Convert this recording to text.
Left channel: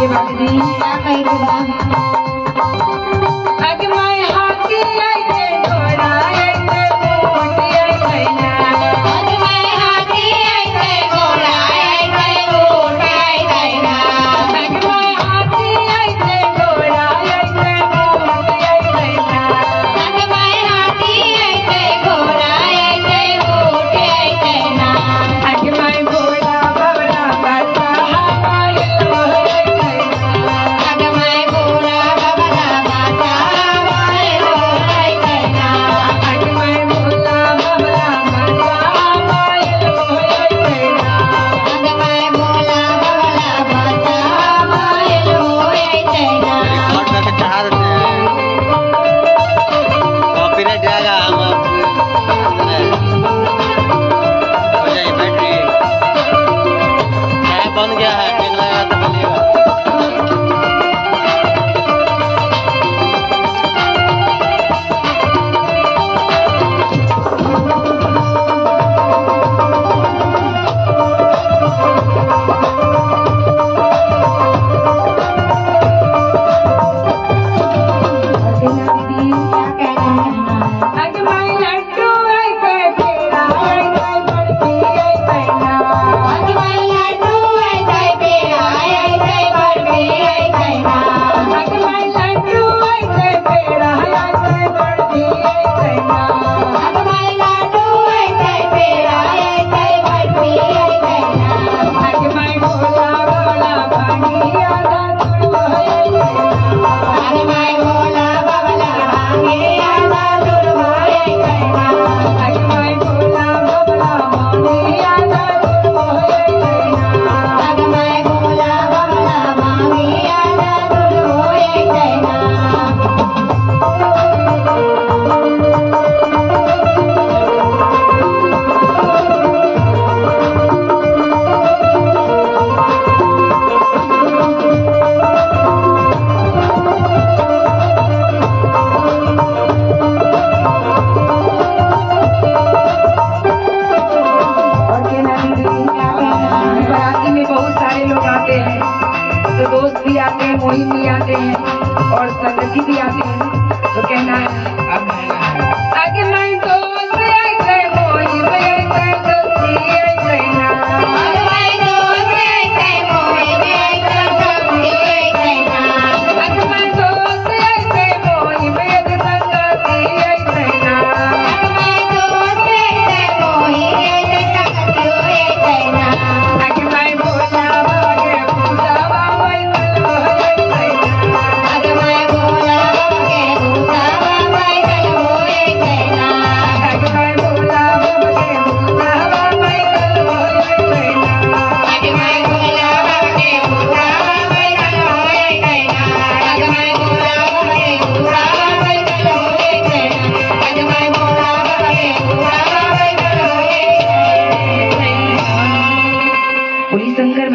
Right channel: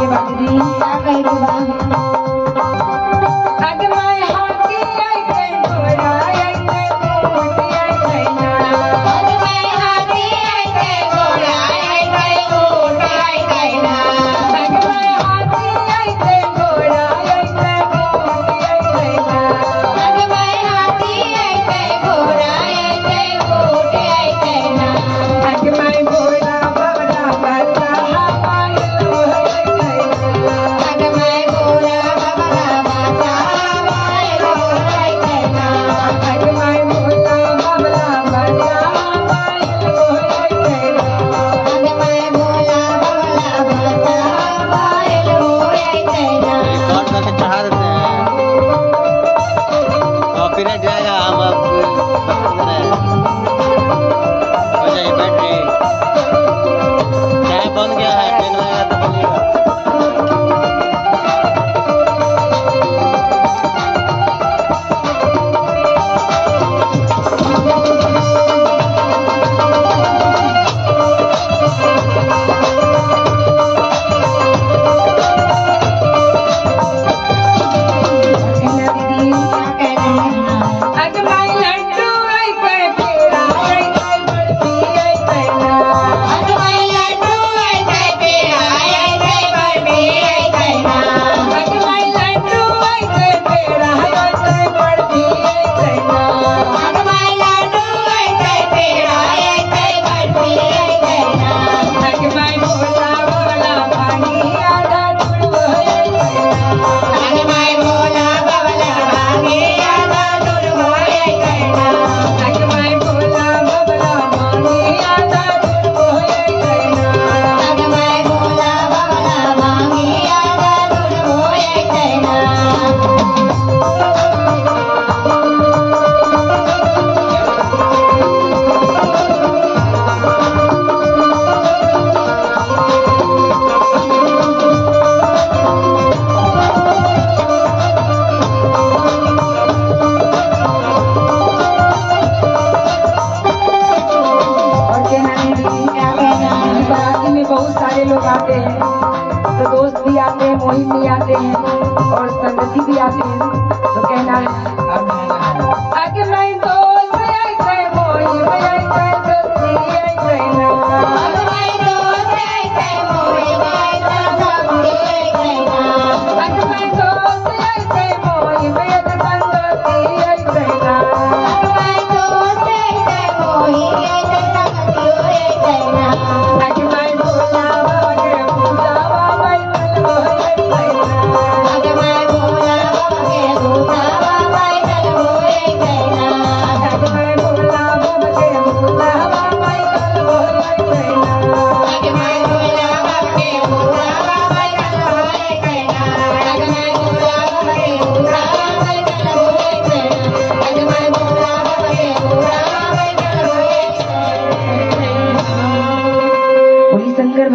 ये बाबूजी क्या कह रहा अग मैं हाथी आई के घोड़ा आई के ऊंट आई कैना अग मैं हाथी आई के घोड़ा आई के ऊंट आई कैना अग मैं हाथी आई के घोड़ा आई के ऊंट आई कैना अग मैं हाथी आई के घोड़ा आई के ऊंट आई कैना अग मैं घोड़ा बबला बाजा पायल मोहे कैना अग मैं घोड़ा बबला बाजा पायल मोहे कैना अग मैं घोड़ा बबला बाजा पायल मोहे कैना अग मैं घोड़ा बबला बाजा पायल मोहे कैना रिकॉर्ड करके चढ़ा देते हैं कॉपीराइट जाएगा हम हो जाएगी बैटरी क्या बन गया है पेन लगा तो बनेगा अग मैं लड्डू आई के पेड़ा आई के बर्फी आई कैना अग मैं लड्डू आई के पेड़ा आई के बर्फी आई कैना अग मैं लड्डू आई के पेड़ा आई के बर्फी आई कैना अग मैं लड्डू आई के पेड़ा आई के बर्फी आई कैना अग मैं भोला भोला पानी आधा दूर होए कैना अग मैं भोला भोला पानी आधा दूर होए कैना अग मैं भोला भोला पानी आधा दूर होए कैना अग मैं भोला भोला पानी आधा दूर होए कैना और कहना दीदी बाराती में बहुत सारे लोग आते हैं तो दोस्त भी आते हैं मुहिम भी आते हैं और संगति भी आते हैं तो कहना है आगे मैं दोस्त आई गए मुहिम आई गए दोस्ती आई गए ना आगे मैं दोस्त आई गए मुहिम आई गए दोस्ती आई गए ना आगे मैं दोस्त आई गए मुहिम आई गए संगति आई गए ना आगे मैं दोस्त आई गए मुहिम आई गए संगति आई गए ना आगे मैं भोला बाबा के पूजा बाबा कल होए कैना आगे मैं भोला बाबा के पूजा बाबा कल होए कैना आगे मैं भोला बाबा के पूजा बाबा कल होए कैना आगे मैं भोला बाबा के पूजा बाबा कल होए कैना आगे मैं भोला बाबा के पूजा बाबा कल होए कैना आगे मैं भोला बाबा के पूजा बाबा कल होए कैना बोली शंकर